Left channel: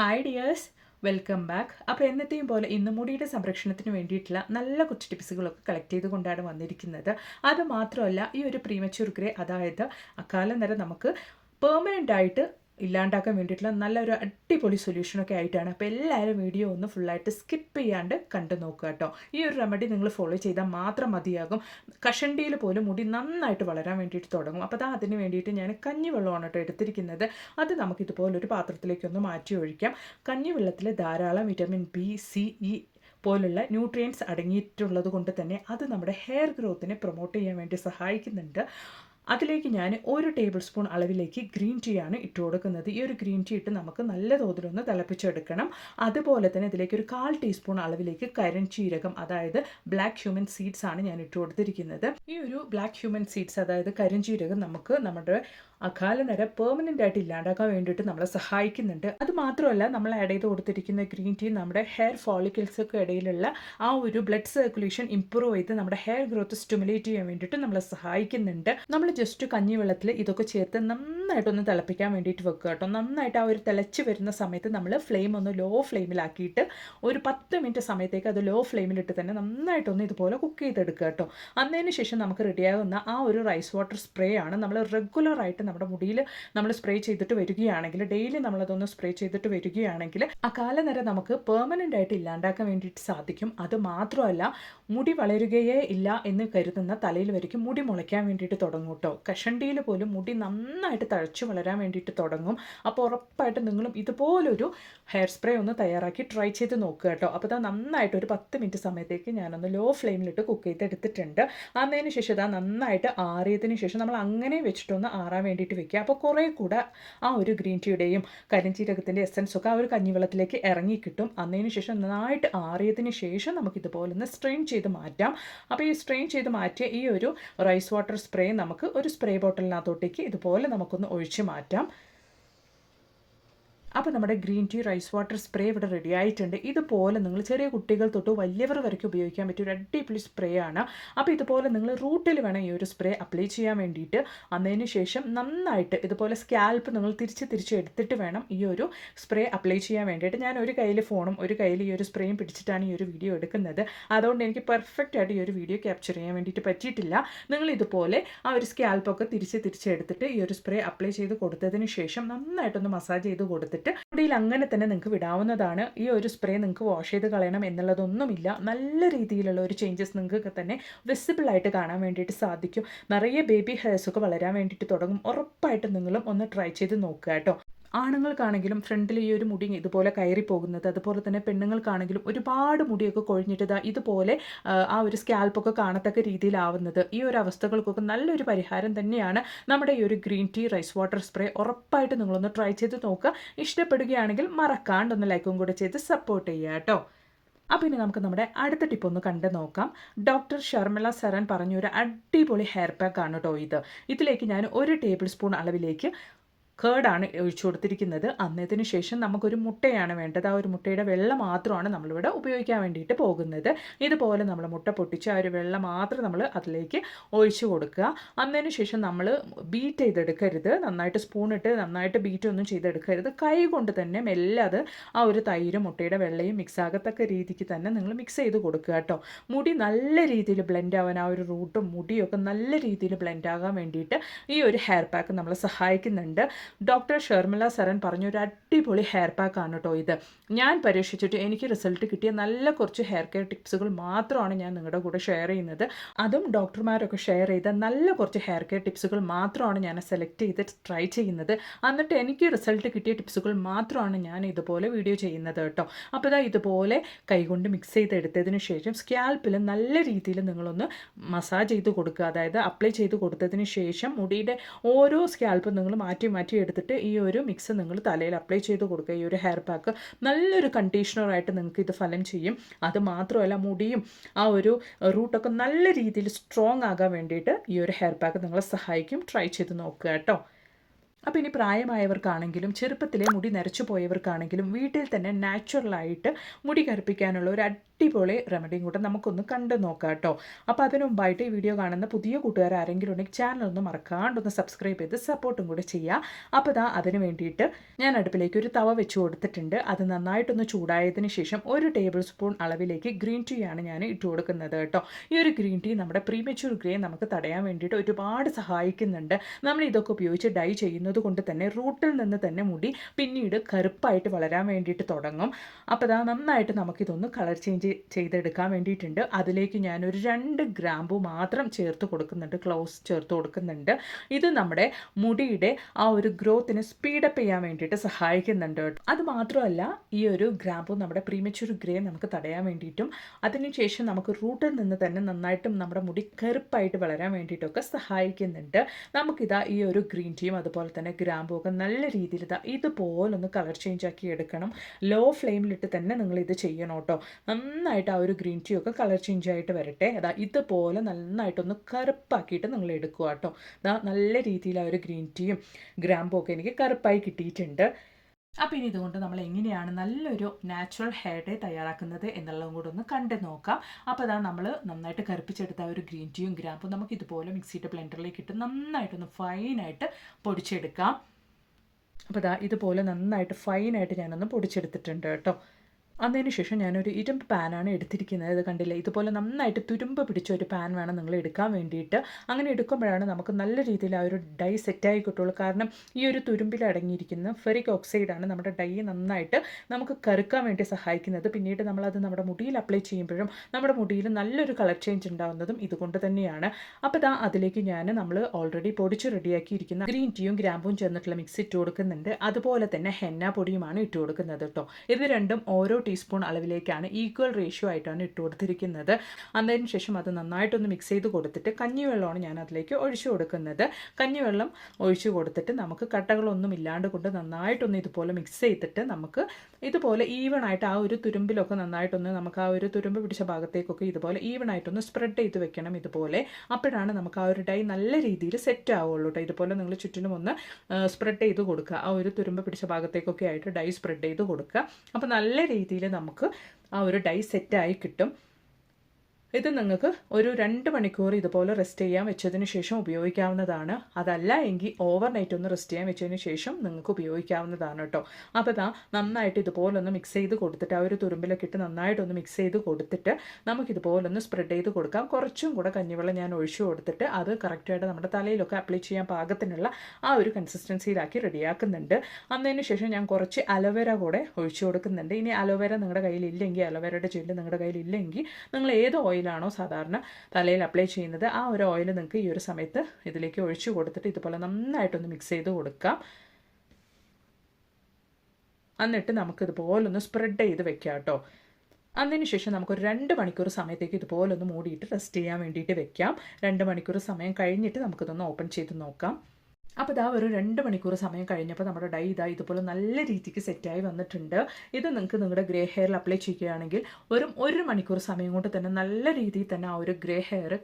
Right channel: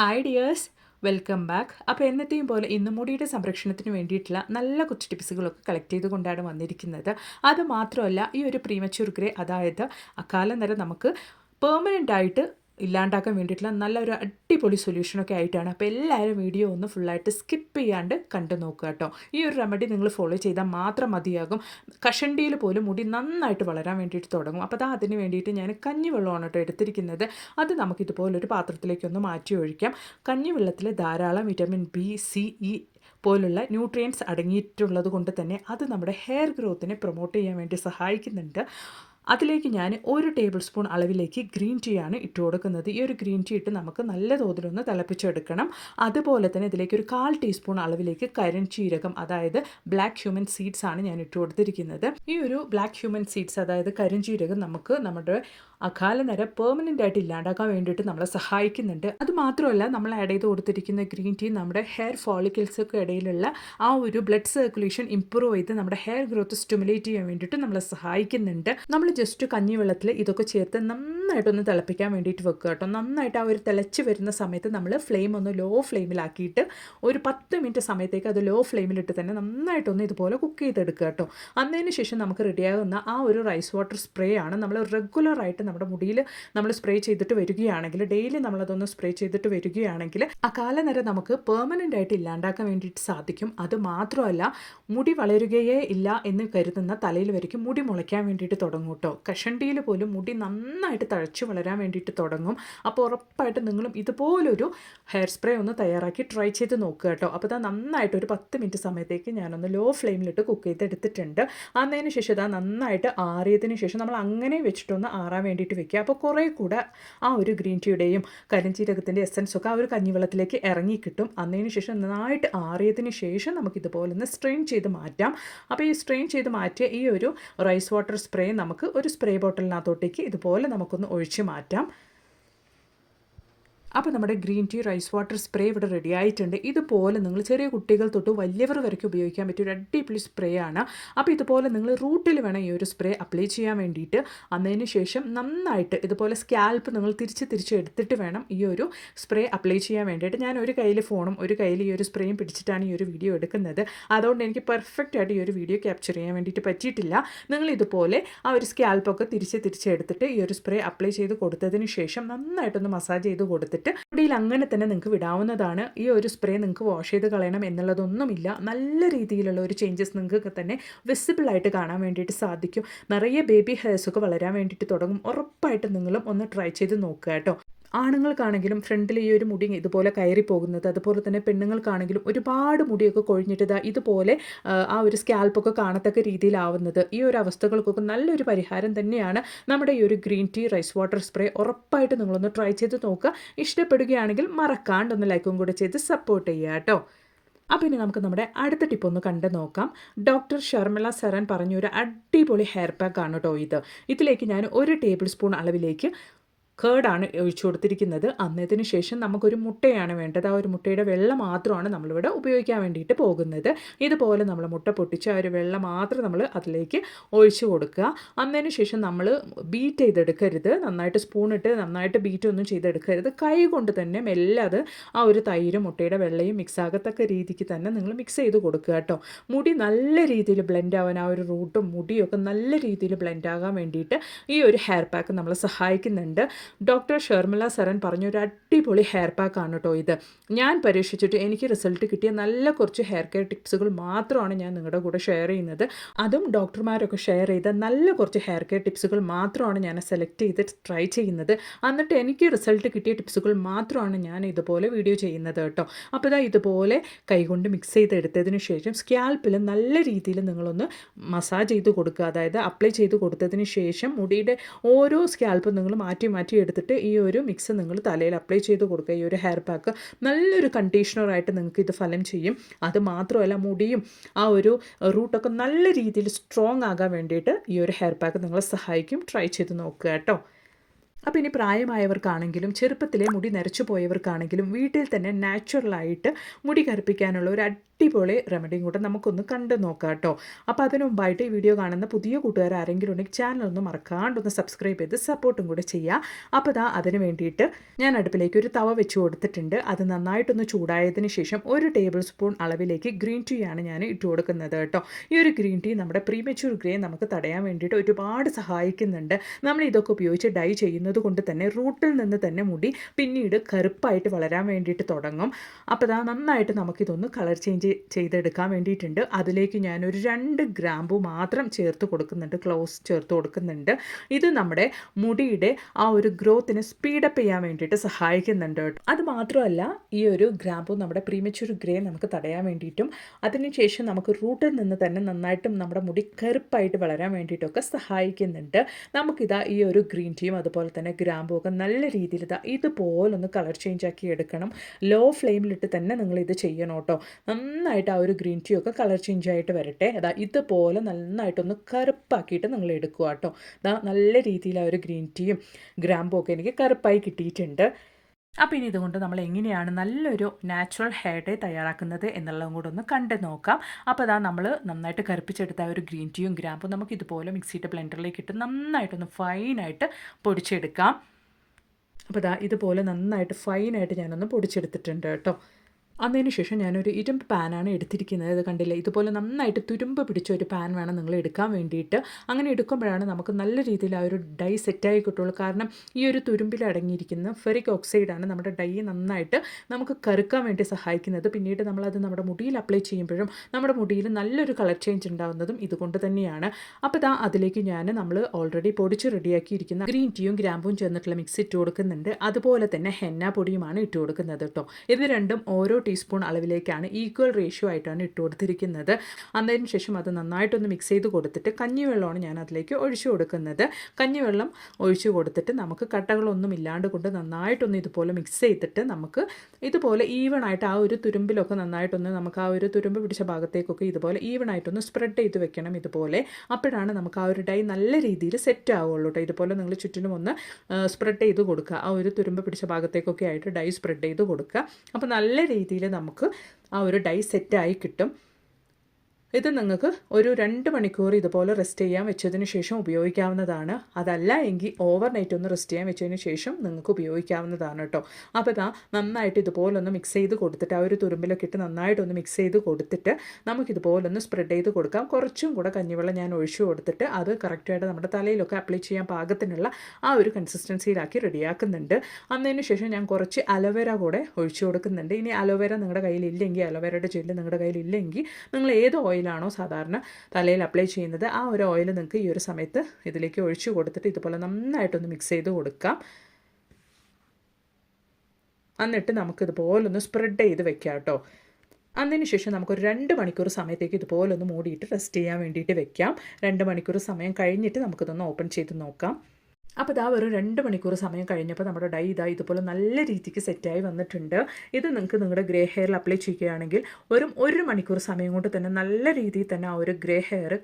Hi dears, welcome back. അപ്പോൾ എന്നത്തെയും പോലെ ഇന്ന് മുടിയുടെ സംരക്ഷണത്തിന് വേണ്ടിയിട്ടുള്ള നല്ല കുറച്ച് ടിപ്സുകളൊക്കെ കളക്ട് ചെയ്തുകൊണ്ടാണ് വന്നിരിക്കുന്നത്. അതുമാത്രമല്ല, ഈ ഒരു പ്രീമച്യൂർ ഗ്രേ, അതായത് അക്കാലം വരെ നമുക്ക് പെർമനൻ്റ് ആയിട്ട് ഇല്ലാണ്ടാക്കാൻ വേണ്ടിയിട്ടുള്ള നല്ലൊരു അടിപൊളി സൊല്യൂഷനൊക്കെ ആയിട്ടാണ്. അപ്പോൾ എല്ലാവരും വീഡിയോ ഒന്ന് ഫുള്ളായിട്ട് സ്കിപ്പ് ചെയ്യാണ്ട് കണ്ടു നോക്കുക കേട്ടോ. ഈ ഒരു റെമഡി നിങ്ങൾ ഫോളോ ചെയ്താൽ മാത്രം മതിയാകും. കഷണ്ടിയിൽ പോലും മുടി നന്നായിട്ട് വളരാൻ വേണ്ടിയിട്ട് തുടങ്ങും. അപ്പോൾ അതിന് വേണ്ടിയിട്ട് ഞാൻ കഞ്ഞിവെള്ളമാണ് കേട്ടോ എടുത്തിരിക്കുന്നത്. അത് നമുക്കിതുപോലൊരു പാത്രത്തിലേക്കൊന്ന് മാറ്റി ഒഴിക്കാം. കഞ്ഞിവെള്ളത്തിൽ ധാരാളം വിറ്റമിൻ ബി, സി, ഇ പോലുള്ള ന്യൂട്രിയൻസ് അടങ്ങിയിട്ടുള്ളത് കൊണ്ട് തന്നെ അത് നമ്മുടെ ഹെയർ ഗ്രോത്തിനെ പ്രൊമോട്ട് ചെയ്യാൻ വേണ്ടി സഹായിക്കുന്നുണ്ട്. അതിലേക്ക് ഞാൻ 1 ടേബിൾ സ്പൂൺ അളവിലേക്ക് ഗ്രീൻ ടീ ആണ് ഇട്ട് കൊടുക്കുന്നത്. ഈ ഒരു ഗ്രീൻ ടീ ഇട്ട് നമുക്ക് നല്ല തോതിലൊന്ന് തിളപ്പിച്ചെടുക്കണം. അതുപോലെ തന്നെ ഇതിലേക്ക് ഒരു 1/4 ടീസ്പൂൺ അളവിലേക്ക് കരിഞ്ചീരകം, അതായത് ബ്ലാക്ക് ഹ്യൂമൻ സീഡ്സ് ആണ് ഞാൻ ഇട്ട് കൊടുത്തിരിക്കുന്നത്. ഈ ഒരു ബ്ലാക്ക് ഹ്യൂമൻ സീഡ്സ്, അതായത് കരിഞ്ചീരകം, നമുക്ക് നമ്മുടെ അകാലനര പെർമനൻ്റ് ആയിട്ട് ഇല്ലാണ്ടാക്കാൻ വേണ്ടിയിട്ട് നമ്മളെ സഹായിക്കുന്നുണ്ട്. അത് മാത്രമല്ല, നമ്മൾ ആഡ് ചെയ്ത് കൊടുത്തിരിക്കുന്ന ഗ്രീൻ ടീ നമ്മുടെ ഹെയർ ഫോളിക്കിൾസൊക്കെ ഇടയിലുള്ള ആ ഒരു ബ്ലഡ് സർക്കുലേഷൻ ഇമ്പ്രൂവ് ചെയ്ത് നമ്മുടെ ഹെയർ ഗ്രോത്ത് സ്റ്റിമുലേറ്റ് ചെയ്യാൻ വേണ്ടിയിട്ട് നമ്മളെ സഹായിക്കുന്നുണ്ട്. നമ്മൾ ജസ്റ്റ് കഞ്ഞിവെള്ളത്തിൽ ഇതൊക്കെ ചേർത്ത് നന്നായിട്ടൊന്ന് തിളപ്പിക്കാൻ വേണ്ടിയിട്ട് വെക്കുക കേട്ടോ. നന്നായിട്ട് ആ ഒരു തിളച്ച് വരുന്ന സമയത്ത് നമ്മൾ ഫ്ലെയിം ഒന്ന് ലോ ഫ്ലെയിമിലാക്കിയിട്ട് ഒരു 10 മിനിറ്റ് സമയത്തേക്ക് അത് ലോ ഫ്ലെയിമിലിട്ട് തന്നെ നന്നായിട്ടൊന്ന് ഇതുപോലെ കുക്ക് ചെയ്തെടുക്കുക കേട്ടോ. അതിന് ശേഷം നമുക്ക് റെഡിയാകുന്ന ആ ഒരു റൈസ് വാട്ടർ സ്പ്രേ ആണ് നമ്മൾ റെഗുലറായിട്ട് നമ്മുടെ മുടിയിൽ നമ്മൾ സ്പ്രേ ചെയ്തിട്ട് വരികയാണെങ്കിൽ, ഡെയിലി നമ്മളതൊന്ന് സ്പ്രേ ചെയ്തിട്ട് വരികയാണെങ്കിൽ അകാലനര നമുക്ക് പെർമനൻ്റ് ആയിട്ട് ഇല്ലാണ്ടാക്കാൻ വേണ്ടിയിട്ട് സാധിക്കും. അത് മാത്രമല്ല, മുടി വളരുകയേ ഇല്ല എന്ന് കരുതുന്ന തലയിൽ വരയ്ക്കും മുടി മുളയ്ക്കാൻ വേണ്ടിയിട്ട് തുടങ്ങും കേട്ടോ. കഷണ്ടിയിൽ പോലും മുടി നന്നായിട്ട് തഴച്ചു വളരാൻ വേണ്ടിയിട്ട് തുടങ്ങും. അപ്പോൾ ഉറപ്പായിട്ട് നിങ്ങളും ഇതുപോലൊരു ഹെയർ സ്പ്രേ ഒന്ന് തയ്യാറാക്കി ട്രൈ ചെയ്ത് നോക്കുക കേട്ടോ. അപ്പോൾ അത് നന്നായിട്ട് ഒരു 10 മിനിറ്റ് സമയത്തേക്ക് ഞാനൊന്ന് ലോ ഫ്ലെയിമിലിട്ട് കുക്ക് ചെയ്തെടുത്തിട്ടുണ്ട്. അതിന് ശേഷം അത് നന്നായിട്ട് ആറിയതിന് ശേഷം നമ്മൾ അങ്ങനെ വെച്ചിട്ടൊന്ന് ആറാൻ വേണ്ടിയിട്ട് വെക്കുക. അപ്പോൾ കുറേ കൂടെ ആ ഒരു ഗ്രീൻ ടീയുടെയും കരിഞ്ചീരകത്തിൻ്റെ എസൻസൊക്കെ ആ ഒരു കഞ്ഞിവെള്ളത്തിലേക്ക് ഇറങ്ങി കിട്ടും. അതിന് ശേഷം നന്നായിട്ട് ആറിയതിന് ശേഷം നമുക്കിതുപോലെ ഒന്ന് സ്ട്രെയിൻ ചെയ്ത് മാറ്റാം. അപ്പോൾ ഈ സ്ട്രെയിൻ ചെയ്ത് മാറ്റിയ ഈ ഒരു റൈസ് വാട്ടർ സ്പ്രേ നമുക്ക് ഒരു സ്പ്രേ ബോട്ടിലിനകത്തോട്ടേക്ക് ഇതുപോലെ നമുക്കൊന്ന് ഒഴിച്ച് മാറ്റാം. അപ്പോൾ നമ്മുടെ green tea rice water spray ഇവിടെ റെഡി ആയിട്ടുണ്ട്. ഇതുപോലെ നിങ്ങൾ ചെറിയ കുട്ടികൾ തൊട്ട് വലിയവർ വരയ്ക്ക് ഉപയോഗിക്കാൻ പറ്റിയ ഒരു അടിപൊളി സ്പ്രേ ആണ്. അപ്പോൾ ഇതുപോലെ നിങ്ങൾ റൂട്ടിൽ വേണം ഈ ഒരു സ്പ്രേ അപ്ലൈ ചെയ്യാൻ വേണ്ടിയിട്ട്. അതിന് ശേഷം നന്നായിട്ട് ഇതുപോലെ സ്കാൽപ്പ് നിങ്ങൾ തിരിച്ച് എടുത്തിട്ട് വേണം ഈ ഒരു സ്പ്രേ അപ്ലൈ ചെയ്യാൻ വേണ്ടിയിട്ട്. ഞാൻ ഒരു കയ്യിൽ ഫോണും ഒരു കയ്യിൽ ഈ ഒരു സ്പ്രേയും പിടിച്ചിട്ടാണ് ഈ ഒരു വീഡിയോ എടുക്കുന്നത്. അതുകൊണ്ട് എനിക്ക് പെർഫെക്റ്റ് ആയിട്ട് ഈ ഒരു വീഡിയോ ക്യാപ്ചർ ചെയ്യാൻ വേണ്ടിയിട്ട് പറ്റിയിട്ടില്ല. നിങ്ങൾ ഇതുപോലെ ആ ഒരു സ്കാൽപ്പൊക്കെ തിരിച്ച് എടുത്തിട്ട് ഈ ഒരു സ്പ്രേ അപ്ലൈ ചെയ്ത് കൊടുത്തതിന് ശേഷം നന്നായിട്ടൊന്ന് മസാജ് ചെയ്ത് കൊടുത്തിട്ട് മുടിയിൽ അങ്ങനെ തന്നെ നിങ്ങൾക്ക് വിടാവുന്നതാണ്. ഈ ഒരു സ്പ്രേ നിങ്ങൾക്ക് വാഷ് ചെയ്ത് കളയണം എന്നുള്ളതൊന്നുമില്ല. നല്ല രീതിയിലുള്ള ഒരു ചേഞ്ചസ് നിങ്ങൾക്ക് തന്നെ വിസിബിൾ ആയിട്ട് കാണാൻ വേണ്ടിയിട്ട് സാധിക്കും. നിറയെ ബേബി ഹെയർസൊക്കെ വളരാൻ വേണ്ടിയിട്ട് തുടങ്ങും. ഉറപ്പായിട്ടും നിങ്ങളും ഒന്ന് ട്രൈ ചെയ്ത് നോക്കുക കേട്ടോ. ആണുങ്ങൾക്കാണെങ്കിലും ഫ്രണ്ടിൽ ഈ ഒരു മുടി ഇതുപോലെ കയറി പോകുന്നത്, അതുപോലെ തന്നെ പെണ്ണുങ്ങൾക്കാണെങ്കിലും ഒരുപാട് മുടിയൊക്കെ കൊഴിഞ്ഞിട്ട് ഇതുപോലെ ആ ഒരു സ്കാൽപ്പൊക്കെ കാണത്തക്ക രീതിയിലാവുന്നത്, ഈ ഒരു അവസ്ഥകൾക്കൊക്കെ നല്ലൊരു പരിഹാരം തന്നെയാണ് നമ്മുടെ ഈ ഒരു green tea rice water spray. ഉറപ്പായിട്ട് നിങ്ങളൊന്ന് ട്രൈ ചെയ്ത് നോക്കുക. ഇഷ്ടപ്പെടുകയാണെങ്കിൽ മറക്കാണ്ടൊന്ന് ലൈക്കും കൂടെ ചെയ്ത് സപ്പോർട്ട് ചെയ്യുക കേട്ടോ. അപ്പോൾ ഇനി നമുക്ക് നമ്മുടെ അടുത്ത ടിപ്പ് ഒന്ന് കണ്ടു നോക്കാം. ഡോക്ടർ ഷർമിള സരൻ പറഞ്ഞൊരു അടിപൊളി ഹെയർ പാക്ക് ആണ് കേട്ടോ ഇത്. ഇതിലേക്ക് ഞാൻ 1 ടേബിൾ സ്പൂൺ അളവിലേക്ക് കേർഡാണ് ഒഴിച്ചു കൊടുത്തിരിക്കുന്നത്. അന്നതിന് ശേഷം നമുക്കൊരു മുട്ടയാണ് വേണ്ടത്. ആ ഒരു മുട്ടയുടെ വെള്ള മാത്രമാണ് നമ്മളിവിടെ ഉപയോഗിക്കാൻ വേണ്ടിയിട്ട് പോകുന്നത്. ഇതുപോലെ നമ്മൾ മുട്ട പൊട്ടിച്ച് ആ ഒരു വെള്ള മാത്രം നമ്മൾ അതിലേക്ക് ഒഴിച്ചു കൊടുക്കുക. അന്നതിന് ശേഷം നമ്മൾ ബീറ്റ് ചെയ്തെടുക്കരുത്. നന്നായിട്ട് സ്പൂണിട്ട് നന്നായിട്ട് ബീറ്റൊന്നും ചെയ്തെടുക്കരുത്. കൈ കൊണ്ട് തന്നെ മെല്ലെ അത് ആ ഒരു തൈരും മുട്ടയുടെ വെള്ളയും മിക്സ് ആകത്തക്ക രീതിക്ക് തന്നെ നിങ്ങൾ മിക്സ് ചെയ്ത് കൊടുക്കുക കേട്ടോ. മുടി നല്ല രീതിയിൽ ബ്ലെൻഡ് ആവാൻ, ആ ഒരു റൂട്ടും മുടിയൊക്കെ നല്ല രീതിയിൽ ബ്ലെൻഡ് ആകാൻ വേണ്ടിയിട്ട് ഈ ഒരു ഹെയർ പാക്ക് നമ്മളെ സഹായിക്കുന്നുണ്ട്. ഡോക്ടർ ഷർമിള സരൻ പറഞ്ഞൊരു അടിപൊളി ഹെയർ പാക്കാണ് കേട്ടോ ഇത്. ഞാൻ പരീക്ഷിച്ചിട്ട് എനിക്ക് റിസൾട്ട് കിട്ടിയ നല്ല കുറച്ച് ഹെയർ കെയർ ടിപ്സുകൾ മാത്രമാണ് ഞാൻ നിങ്ങളുടെ കൂടെ ഷെയർ ചെയ്യുന്നത്. അതും ഡോക്ടർമാരൊക്കെ ഷെയർ ചെയ്ത നല്ല കുറച്ച് ഹെയർ കെയർ ടിപ്സുകൾ മാത്രമാണ് ഞാൻ സെലക്ട് ചെയ്ത് ട്രൈ ചെയ്യുന്നത്. എന്നിട്ട് എനിക്ക് റിസൾട്ട് കിട്ടിയ ടിപ്സുകൾ മാത്രമാണ് ഞാൻ ഇതുപോലെ വീഡിയോ ചെയ്യുന്നത് കേട്ടോ. അപ്പോൾ ഇതുപോലെ കൈകൊണ്ട് മിക്സ് ചെയ്തെടുത്തതിന് ശേഷം സ്കാൽപ്പിൽ നല്ല രീതിയിൽ നിങ്ങളൊന്ന് മസാജ് ചെയ്ത് കൊടുക്കുക. അതായത് അപ്ലൈ ചെയ്ത് കൊടുത്തതിന് ശേഷം മുടിയുടെ ഓരോ സ്കാൽപ്പും നിങ്ങൾ മാറ്റി എടുത്തിട്ട് ഈ ഒരു മിക്സ് നിങ്ങൾ തലയിൽ അപ്ലൈ ചെയ്ത് കൊടുക്കുക. ഈ ഒരു ഹെയർ പാക്ക് നല്ലൊരു കണ്ടീഷണറായിട്ട് നിങ്ങൾക്ക് ഇത് ഫലം ചെയ്യും. അത് മാത്രമല്ല, മുടിയും ആ ഒരു റൂട്ടൊക്കെ നല്ല രീതിയിൽ സ്ട്രോങ് ആകാൻ വേണ്ടിയിട്ട് ഈ ഒരു ഹെയർ പാക്ക് നിങ്ങളെ സഹായിക്കും. ട്രൈ ചെയ്ത് നോക്കുക കേട്ടോ. അപ്പോൾ ഇനി പ്രായമായവർക്കാണെങ്കിലും ചെറുപ്പത്തിലെ മുടി നരച്ചു പോയവർക്കാണെങ്കിലും വീട്ടിൽ തന്നെ നാച്ചുറലായിട്ട് മുടി കറുപ്പിക്കാനുള്ള ഒരു അടിപൊളി റെമഡിയും കൂടെ നമുക്കൊന്ന് കണ്ടു നോക്കാം കേട്ടോ. അപ്പോൾ അതിനു മുമ്പായിട്ട് ഈ വീഡിയോ കാണുന്ന പുതിയ കൂട്ടുകാർ ആരെങ്കിലും ഉണ്ടെങ്കിൽ ചാനലൊന്ന് മറക്കാണ്ടൊന്ന് സബ്സ്ക്രൈബ് ചെയ്ത് സപ്പോർട്ടും കൂടെ ചെയ്യുക. അപ്പോൾ അതിന് വേണ്ടിയിട്ട് ഞാൻ അടുപ്പിലേക്ക് ഒരു തവ വെച്ച് കൊടുത്തിട്ടുണ്ട്. അത് നന്നായിട്ടൊന്ന് ചൂടായതിന് ശേഷം 1 ടേബിൾ സ്പൂൺ അളവിലേക്ക് ഗ്രീൻ ടീ ആണ് ഞാൻ ഇട്ട് കൊടുക്കുന്നത് കേട്ടോ. ഈ ഒരു ഗ്രീൻ ടീ നമ്മുടെ പ്രീമച്യൂർ ഗ്രേ നമുക്ക് തടയാൻ വേണ്ടിയിട്ട് ഒരുപാട് സഹായിക്കുന്നുണ്ട്. നമ്മൾ ഇതൊക്കെ ഉപയോഗിച്ച് ഡൈ ചെയ്യുന്നത് കൊണ്ട് തന്നെ റൂട്ടിൽ നിന്ന് തന്നെ മുടി പിന്നീട് കറുപ്പായിട്ട് വളരാൻ വേണ്ടിയിട്ട് തുടങ്ങും. അപ്പോൾ നന്നായിട്ട് നമുക്കിതൊന്ന് കളർ ചേഞ്ച് ചെയ്തെടുക്കാൻ വേണ്ടിയിട്ടുണ്ട്. അതിലേക്ക് ഞാനൊരു 2 ഗ്രാമ്പു മാത്രം ചേർത്ത് കൊടുക്കുന്നുണ്ട്, ക്ലോസ് ചേർത്ത് കൊടുക്കുന്നുണ്ട്. ഇത് നമ്മുടെ മുടിയുടെ ആ ഒരു ഗ്രോത്തിനെ സ്പീഡപ്പ് ചെയ്യാൻ വേണ്ടിയിട്ട് സഹായിക്കുന്നുണ്ട്. അത് മാത്രമല്ല ഈ ഒരു ഗ്രാമ്പു നമ്മുടെ പ്രീമച്യൂർ ഗ്രേ നമുക്ക് തടയാൻ വേണ്ടിയിട്ടും അതിനുശേഷം നമുക്ക് റൂട്ടിൽ നിന്ന് തന്നെ നന്നായിട്ടും നമ്മുടെ മുടി കറുപ്പായിട്ട് വളരാൻ വേണ്ടിയിട്ടൊക്കെ സഹായിക്കുന്നുണ്ട്. നമുക്കിതാ ഈ ഒരു ഗ്രീൻ ടീയും അതുപോലെ തന്നെ ഗ്രാമ്പും ഒക്കെ നല്ല രീതിയിൽ ഇതുപോലൊന്ന് കളർ ചേഞ്ച് ആക്കി എടുക്കണം. ലോ ഫ്ലെയിമിലിട്ട് തന്നെ നിങ്ങൾ ഇത് ചെയ്യണം കേട്ടോ. നന്നായിട്ട് ആ ഒരു ഗ്രീൻ ടീ ഒക്കെ കളർ ചേഞ്ച് ആയിട്ട് വരട്ടെ. ഇതുപോലെ നന്നായിട്ടൊന്ന് കറുപ്പാക്കിയിട്ട് നിങ്ങൾ എടുക്കുക കേട്ടോ. നല്ല രീതിയിൽ ആ ഒരു ഗ്രീൻ ടീയും ഗ്രാമ്പും ഒക്കെ എനിക്ക് കറുപ്പായി കിട്ടിയിട്ടുണ്ട്. അപ്പോൾ ഇനി ഇതുകൊണ്ട് നമ്മൾ എങ്ങനെയാണ് നല്ലൊരു നാച്ചുറൽ ഹെയർ ഡേ തയ്യാറാക്കുന്നത് എന്നുള്ളതും കൂടെ ഒന്ന് കണ്ടു നോക്കാം. അപ്പോൾ നമ്മൾ നന്നായിട്ട് കറുപ്പിച്ചെടുത്ത ഒരു ഗ്രീൻ ടീയും ഗ്രാമ്പും നമുക്ക് ഇതുപോലെ മിക്സിയുടെ ബ്ലെൻഡറിലേക്ക് ഇട്ട് നന്നായിട്ടൊന്ന് ഫൈനായിട്ട് പൊടിച്ചെടുക്കാം. അപ്പോൾ ഇതുപോലെ നന്നായിട്ട് ഫൈനായിട്ട് ഞാനൊന്ന് പൊടിച്ചെടുത്തിട്ടുണ്ട് കേട്ടോ. അതിന് ശേഷം ഞാനൊരു ഇരുമ്പ് പാനാണ് എടുത്തിരിക്കുന്നത്. ഇത് കണ്ടില്ലേ, ഇതുപോലെ നന്നായിട്ട് തുരുമ്പ് പിടിച്ച ഒരു പാൻ വേണം നിങ്ങൾ എടുക്കാൻ വേണ്ടിയിട്ട്. അങ്ങനെ എടുക്കുമ്പോഴാണ് നമുക്ക് നല്ല രീതിയിൽ ആ ഒരു ഡൈ സെറ്റായി കിട്ടുള്ളൂ. കാരണം ഈ ഒരു തുരുമ്പിൽ അടങ്ങിയിരിക്കുന്ന ഫെറിക് ഓക്സൈഡാണ് നമ്മുടെ ഡൈ നന്നായിട്ട് നമുക്ക് കറുക്കാൻ വേണ്ടി സഹായിക്കുന്നത്. പിന്നീട് നമ്മളത് നമ്മുടെ മുടിയിൽ അപ്ലൈ ചെയ്യുമ്പോഴും നമ്മുടെ മുടിയിൽ നല്ലൊരു കളർ ചേഞ്ച് ഉണ്ടാകുന്നതും ഇതുകൊണ്ട് തന്നെയാണ്. അപ്പോൾ അതിലേക്ക് നമ്മൾ ഓൾറെഡി പൊടിച്ച് റെഡിയാക്കിയിരിക്കുന്ന ഗ്രീൻ ടീയും ഗ്രാമ്പും ചേർന്നിട്ടുള്ള മിക്സ് ഇട്ട് കൊടുക്കുന്നുണ്ട്. അതുപോലെ തന്നെ ഹെന്ന പൊടിയുമാണ് ഇട്ട് കൊടുക്കുന്നത് കേട്ടോ. ഇത് രണ്ടും ഓരോ ടീസ്പൂൺ അളവിലേക്കാണ് ഈക്വൽ റേഷ്യോ ആയിട്ടാണ് ഇട്ട് കൊടുത്തിരിക്കുന്നത്. അതിന് ശേഷം അത് നന്നായിട്ടൊന്ന് മിക്സ് ചെയ്ത് കൊടുത്തിട്ട് കഞ്ഞിവെള്ളമാണ് ഞാൻ അതിലേക്ക് ഒഴിച്ചു കൊടുക്കുന്നത്. കഞ്ഞിവെള്ളം ഒഴിച്ചു കൊടുത്തിട്ട് നമുക്ക് കട്ടകളൊന്നും ഇല്ലാണ്ട് കൊണ്ട് നന്നായിട്ടൊന്ന് ഇതുപോലെ മിക്സ് ചെയ്തിട്ട് നമുക്ക് ഇതുപോലെ ഈവൺ ആയിട്ട് ആ ഒരു തുരുമ്പിലൊക്കെ നന്നായിട്ടൊന്ന് നമുക്ക് ആ ഒരു തുരുമ്പ് പിടിച്ച ഭാഗത്തേക്കൊക്കെ ഇതുപോലെ ഈവൺ ആയിട്ടൊന്ന് സ്പ്രെഡ് ചെയ്ത് വെക്കണം ഇതുപോലെ. അപ്പോഴാണ് നമുക്ക് ആ ഒരു ഡൈ നല്ല രീതിയിൽ സെറ്റ് ആവുള്ളൂ കേട്ടോ. ഇതുപോലെ നിങ്ങൾ ചുറ്റിനും ഒന്ന് സ്പ്രെഡ് ചെയ്ത് കൊടുക്കുക. ആ ഒരു തുരുമ്പ് പിടിച്ച ഭാഗത്തേക്കൊക്കെ ആയിട്ട് ഡൈ സ്പ്രെഡ് ചെയ്ത് കൊടുക്കുക. അപ്പോൾ നല്ല രീതിയിൽ നമുക്ക് ആ ഒരു ഡൈ സെറ്റായി കിട്ടും. ഇത് നിങ്ങൾക്ക് ഒരു 2 മണിക്കൂർ ഇതുപോലെ റെസ്റ്റ് ചെയ്യാൻ വെച്ചതിന് ശേഷം ഉപയോഗിക്കാവുന്നതാണ്. അതല്ല എങ്കിൽ ഓവർനൈറ്റ് ഒന്ന് റെസ്റ്റ് ചെയ്യാൻ വെച്ചതിന് ശേഷം നിങ്ങൾക്ക് ഉപയോഗിക്കാവുന്നതാണ് കേട്ടോ. അപ്പോൾ നന്നായിട്ട് ഇതുപോലൊന്ന് മിക്സ് ചെയ്ത് കൊടുത്തിട്ട് ആ ഒരു തുരുമ്പിലൊക്കെ ഇട്ട് നന്നായിട്ടൊന്ന് മിക്സ് ചെയ്ത് കൊടുത്തിട്ട് നമുക്കിതുപോലൊന്ന് സ്പ്രെഡ് ചെയ്ത് കൊടുക്കാം. കുറച്ചും കൂടെ കഞ്ഞിവെള്ളം ഞാൻ ഒഴിച്ചു കൊടുത്തിട്ട് അത് കറക്റ്റായിട്ട് നമ്മുടെ തലയിലൊക്കെ അപ്ലൈ ചെയ്യാൻ പാകത്തിനുള്ള ആ ഒരു കൺസിസ്റ്റൻസിയിലാക്കി റെഡിയാക്കുന്നുണ്ട്. അതിന് ശേഷം ഞാൻ കുറച്ച് അലോവേര കൂടെ ഒഴിച്ചു കൊടുക്കുന്നുണ്ട്. ഇനി അലോവേര നിങ്ങളുടെ കയ്യിലില്ലെങ്കിൽ, അലോവേരയുടെ ജെല്ല് നിങ്ങളുടെ കയ്യിലില്ലെങ്കിൽ നിങ്ങൾ ഏത് ഓയിലാണോ സാധാരണ തലയിൽ അപ്ലൈ ചെയ്യുന്നത് ആ ഒരു ഓയിൽ നിങ്ങൾക്ക് ഈ ഒരു സമയത്ത് ഇതിലേക്ക് ഒഴിച്ചു കൊടുത്തിട്ട് ഇതുപോലെ നന്നായിട്ടൊന്ന് മിക്സ് ചെയ്ത് കൊടുക്കാം. എന്നിട്ട് നമുക്കിതുപോലൊന്ന് സ്പ്രെഡ് ചെയ്ത് വെക്കാം കേട്ടോ. അതിനുശേഷം നമുക്കൊരു 2 മണിക്കൂർ സമയത്തേക്ക് ഇതുപോലൊന്ന് മൂടിയിട്ട് റെസ്റ്റ് ചെയ്യാൻ വേണ്ടിയിട്ട് വെക്കാം. 2 മണിക്കൂർ സമയം കഴിഞ്ഞിട്ട് നമുക്കിതൊന്ന് ഓപ്പൺ ചെയ്ത് നോക്കാം. അപ്പോൾ ഒരു 2 മണിക്കൂർ സമയം കഴിഞ്ഞപ്പോൾ നമ്മുടെ ഡൈ ഇതുപോലെ നല്ല രീതിക്ക് സെറ്റായി വന്നിട്ടുണ്ട്. ഇത് നിങ്ങൾക്ക് നിങ്ങളുടെ ഗ്രേ ഹെയറിൽ അപ്ലൈ ചെയ്യുകയാണെങ്കിൽ 1 മണിക്കൂർ സമയം കൊണ്ട് തന്നെ നല്ല രീതിയിൽ തന്നെ ആ ഒരു ഗ്രേ ഹെയർ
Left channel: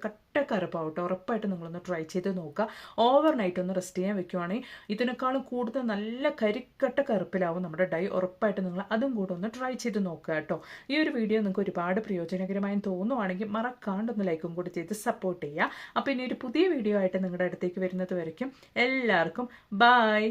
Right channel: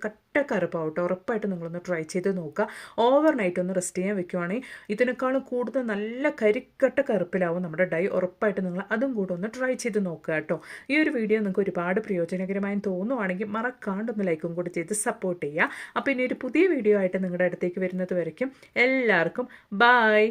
കറുപ്പാവട്ടെ. ഉറപ്പായിട്ട് നിങ്ങളൊന്ന് ട്രൈ ചെയ്ത് നോക്കുക. ഓവർനൈറ്റ് ഒന്ന് റെസ്റ്റ് ചെയ്യാൻ വെക്കുവാണെങ്കിൽ ഇതിനേക്കാളും കൂടുതൽ നല്ല കരിക്കട്ട കറുപ്പിലാവും നമ്മുടെ ഡൈ. ഉറപ്പായിട്ട് നിങ്ങൾ അതും കൂടെ ഒന്ന് ട്രൈ ചെയ്ത് നോക്കുക കേട്ടോ. ഈ ഒരു വീഡിയോ നിങ്ങൾക്ക് ഒരുപാട് പ്രയോജനകരമായി തോന്നുവാണെങ്കിൽ മറക്കാണ്ടൊന്ന് ലൈക്കും കൂടി ചെയ്ത് സപ്പോർട്ട് ചെയ്യുക. അപ്പോൾ ഇനി ഒരു പുതിയ വീഡിയോ ആയിട്ട് നിങ്ങളുടെ അടുത്തേക്ക് വരുന്നത് വരയ്ക്കും എല്ലാവർക്കും ബൈ.